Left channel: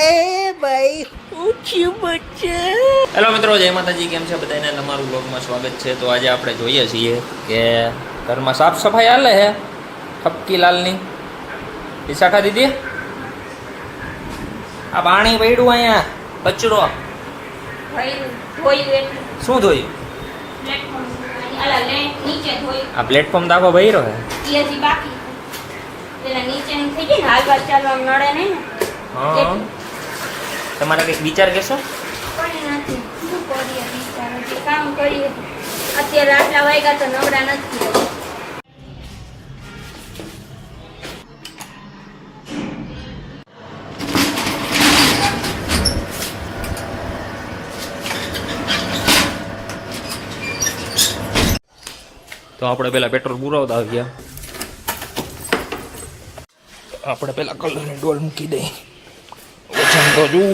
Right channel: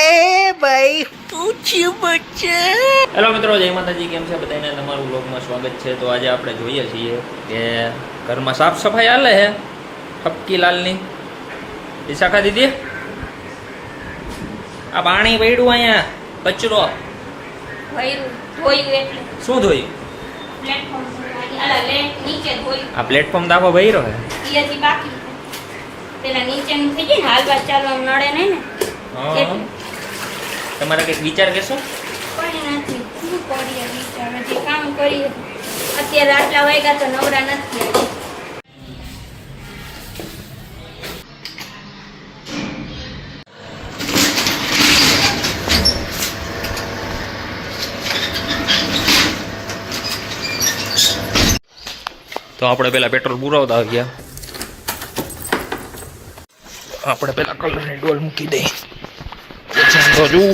એ ભાઈ પૂછ્યું બચ્ચા. હેલો મિત્રો, જય માતાજી. કેમ છે બધાને? તમારું બ્લોગમાં સ્વાગત છે. તો આજે આપણે જોઈએ છીએ કે ઘરમાં સાફ સફાઈ હાલે છે ઠપકીલાલની. દિશાખા દીદી, આ પાણી પડ્યું અહીંયા, કચરો શું ધોયું? આ પ્લેટફોર્મ દાખો ભર્યો હે. તમારે કઈક વિચાર કેશો? કામ કરીએ અત્યારે આટલા વાગ્યા તો નવરા નથી. તો આપણે પેલા પેટ્રોલ પુરાવતા આવ્યા. આપણે પેલા કલરની ડોલ મૂકી દઈ. તો જુઓ,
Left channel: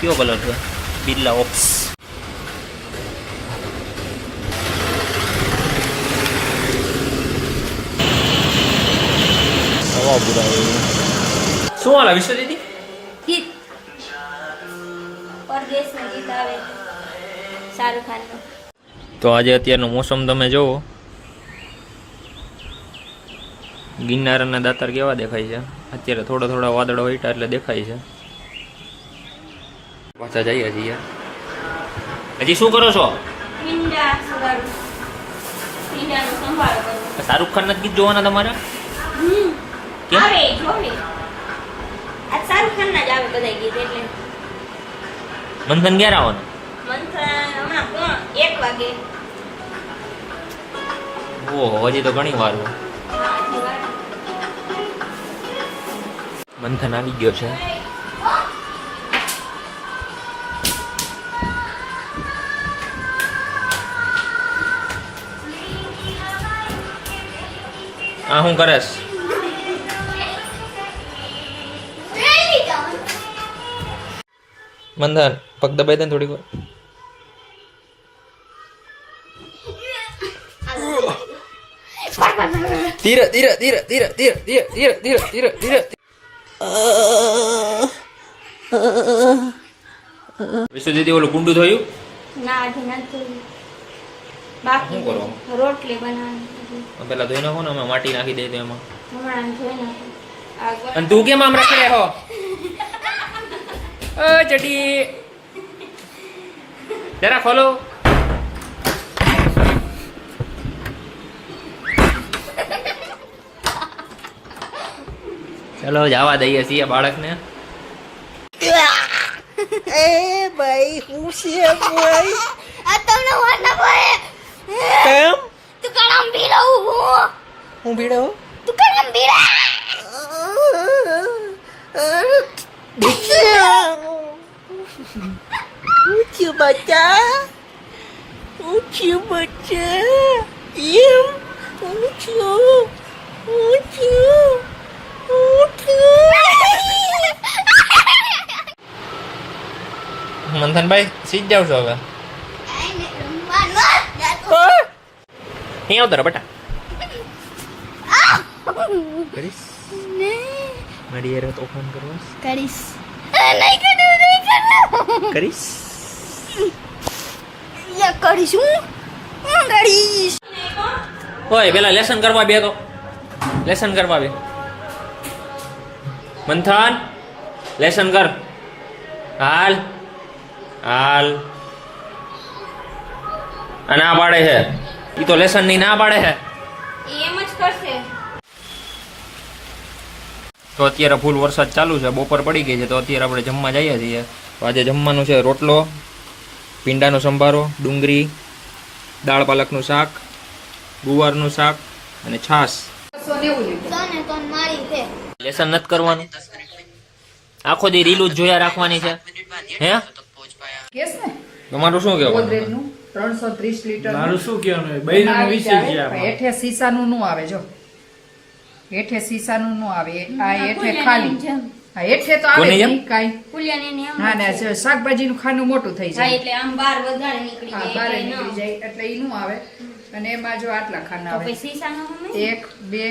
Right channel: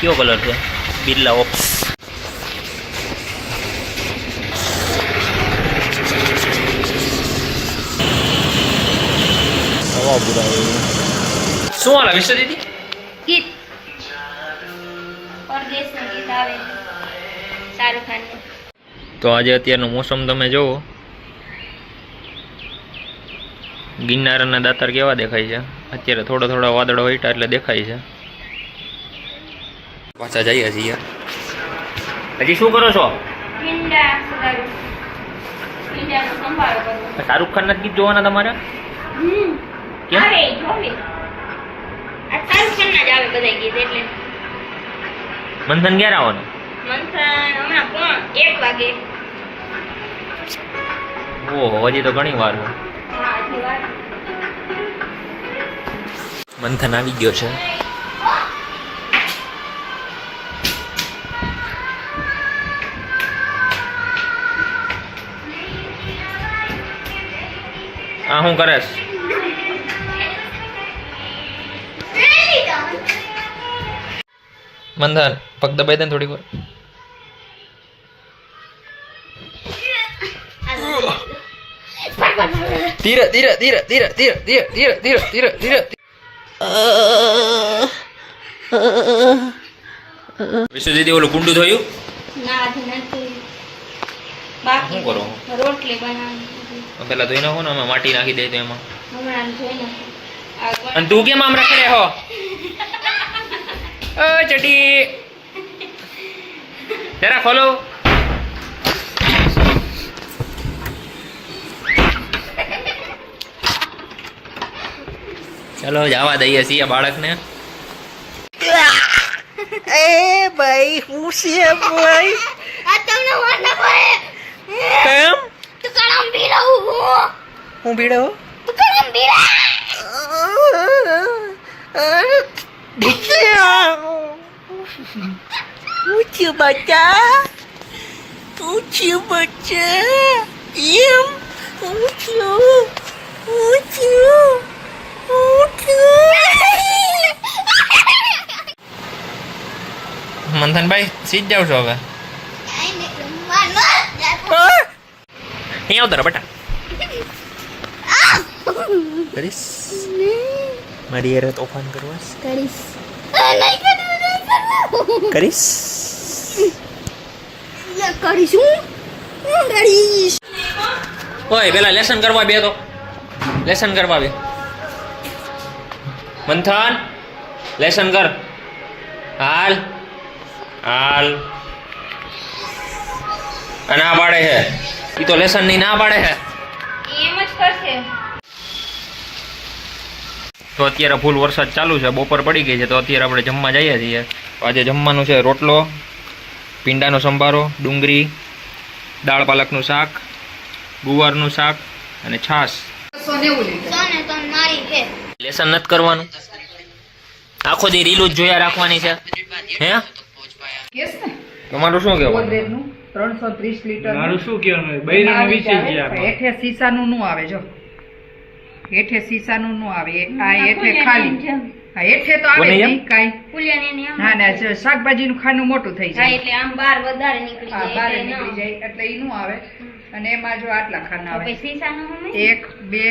કયો કલર છે? બિરલા ઓપ્સ. હવા પુરાવે. શું હાલ વિશ્વ દીદી? ગીત પરદેશનું ગીત આવે શાહરુખ ખાનનું. તો આજે અત્યારનું મોસમ તમે જુઓ. ગિરનાર અને દાતાર કેવા દેખાય છે અત્યારે? થોડા થોડા વાદળો વહીટા એટલે દેખાય છે. પાછા જઈએ છીએ. હજી શું કરો છો? પિંડા સુધારું, પિંડાનો સંભાળ કરું. શાહરુખ ખાનના ગીત જોવાના તમારે? કેમ? આવે જોવે. આ શાહરુખ ખાનના જ આવે બધા ગીત એટલે. મંથન ક્યારે આવવાનું? મંથન હમણાં 1 વાગે. ઓહો, હજી તો ઘણી વાર છે. મંથન આવી ગયો છે. આ શું કરેશ? મંથન પગ દબાઈ દે ને થોડીક વાર. ધીરે ધીરે ધીરે ધીરે ધીરે ધીરે ધીરે ધીરે ધીરે ધીરે. વિશ્વ દીદી, ઓલું કુંડું થયું? ના હજી નથી. બાકી શું કરો? રોટલી બનાવવાની. પેલા ધોઈ નાખો ને, અમે માટી નાખી દઈએ તો એમાં. હમણાં જોઈ નાખો. અને તું કેમ આમ રખડે હો? ઓ ચડી, જરા ખોલો. ચલો જવા દઈએ છીએ બાળકને. એ ભાઈ હું છે ભાઈ? આ તમને વાત ના પડે. કેમ? તું કામ ભીડાઉ હું. હું ભીડો? તું કામ ભીડા. પૂછ્યું બચ્ચા, પૂછ્યું બચ્ચા, એમ પૂછ્યું પૂછ્યું પૂછ્યું. મંથનભાઈ સીધ જાવ છો હવે? અહીં આવતા બેટા. કરીશ મારી યાર તોફાન કરવા? કરીશ. કરીશ કરીશું. કરીશ. ઓય પેલા લેસન કરવા બે. તો લેસન કરવા બે. મંથન લેસન કર. હાલ હાલ. આ ના પાડે છે. ઈ તો લેસન ની ના પાડે છે. એમ જ કરશે. તો અત્યારે ફૂલ વરસાદ ચાલુ છે. બપોર પડી ગઈ છે. તો અત્યારે આપણે જમવા જઈએ છીએ. તો આજે જમવાનું છે રોટલો, પીંડાનો સંભારો, ડુંગળી, દાળ પાલકનું શાક, ગુવારનું શાક અને છાશ. લેસન નથી કરવાનું. આખો દી રીલું જ જોયા રાખવાની છે. હે તમારું શું કેવું? 330 લીટર. મારું શું કહેવાનું? બૈરાનો વિષય છે આ. હેઠે સીસાનું નું આવે જો. હેઠે સીસાનું નું આવે. આ હેઠે ખાલી. હા હેઠે તો આવે નહીં કાઈ. પુલિયાની આમ. હા ને શાકભાજીનું ખાનું મોટું થઈ હા જાય. એટલે આમ બહાર વધારે નીકળી હા જાય. બહાર નીકળી જાય એટલે ઈ નું આવે. અને એમાં જો આટલા ખાના તો આવે પછી સીસાનો હમે 1 2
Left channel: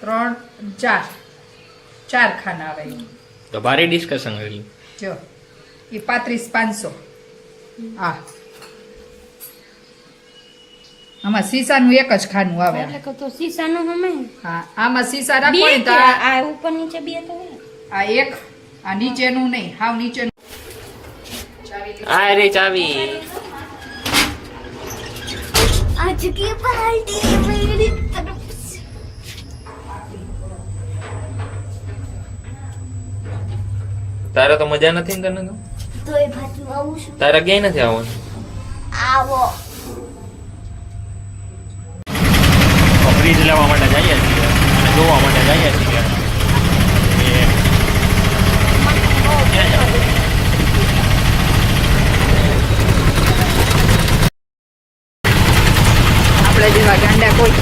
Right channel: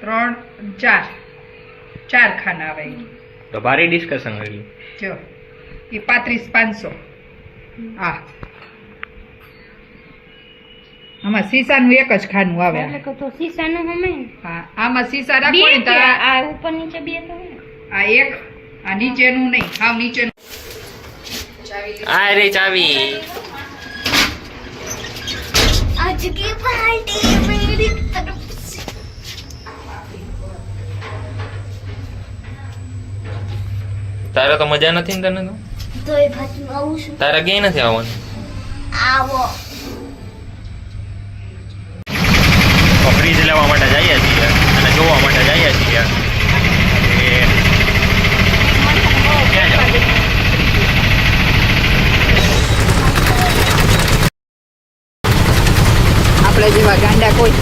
3 4 4 ખાના આવે તો ભારે ડિસ્કશન કર્યું. જો એ 35,500 આ આમાં સીસાનું એક જ ખાનું આવે એટલે કે તો સીસાનો હમે હા આમાં સીસા બે રાખો ને તો કે આ ઉપર નીચે બે તો હે. આ એક આ નીચેનું નહીં હાવ નીચેનું આ રે ચાવી. आज की पार्टी मेरी तरफ से તારે તો મજા નથી ને તને તો? તો એ ભાતું આવું છું તારે ક્યાંય નથી આવવાનું. આવો ફ્રીજ લેવા માટે જઈએ છીએ અને જોવા માટે જઈએ છીએ. ક્યાં જાવ? આપણે જેવા ગાંડા કોઈ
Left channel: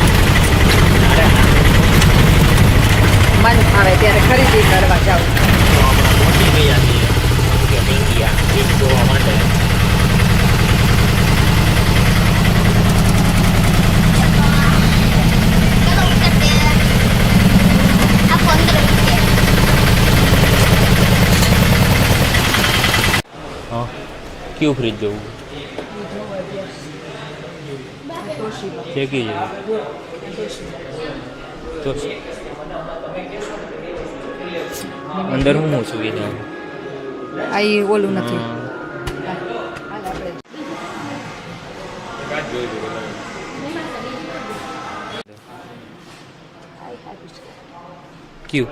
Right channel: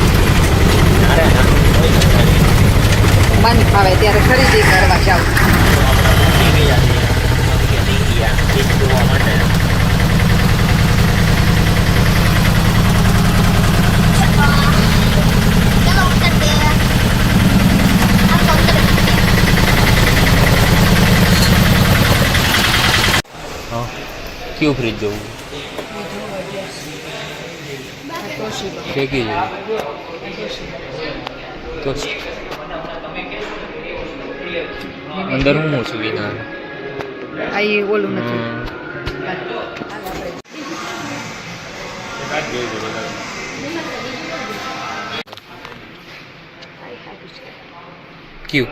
મન ફાવે ત્યારે ખરીદી કરવા જાવ આપણા પહોંચી ગયા છીએ ઇન્ડિયા ફ્રીજ જોવા માટે. હા કયું ફ્રીજ જોવું? ફેંકી જાય તો અંદર હું સુવિધા આ ઈ ઓલું નથી ક્યુ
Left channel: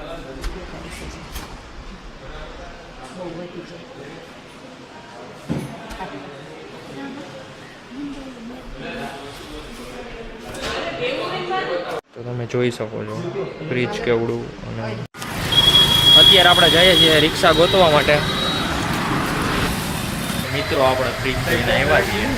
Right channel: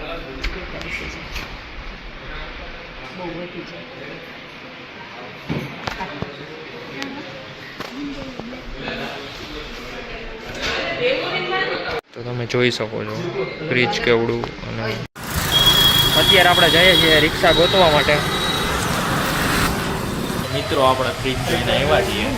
તો તમે જોઈ શકો છો ફ્રીજ કેવડું. અને અત્યારે આપણે જઈએ છીએ રિક્ષા ગોતવા માટે. મિત્રો આપણે ફ્રીજ જોઈને આવ્યા છીએ.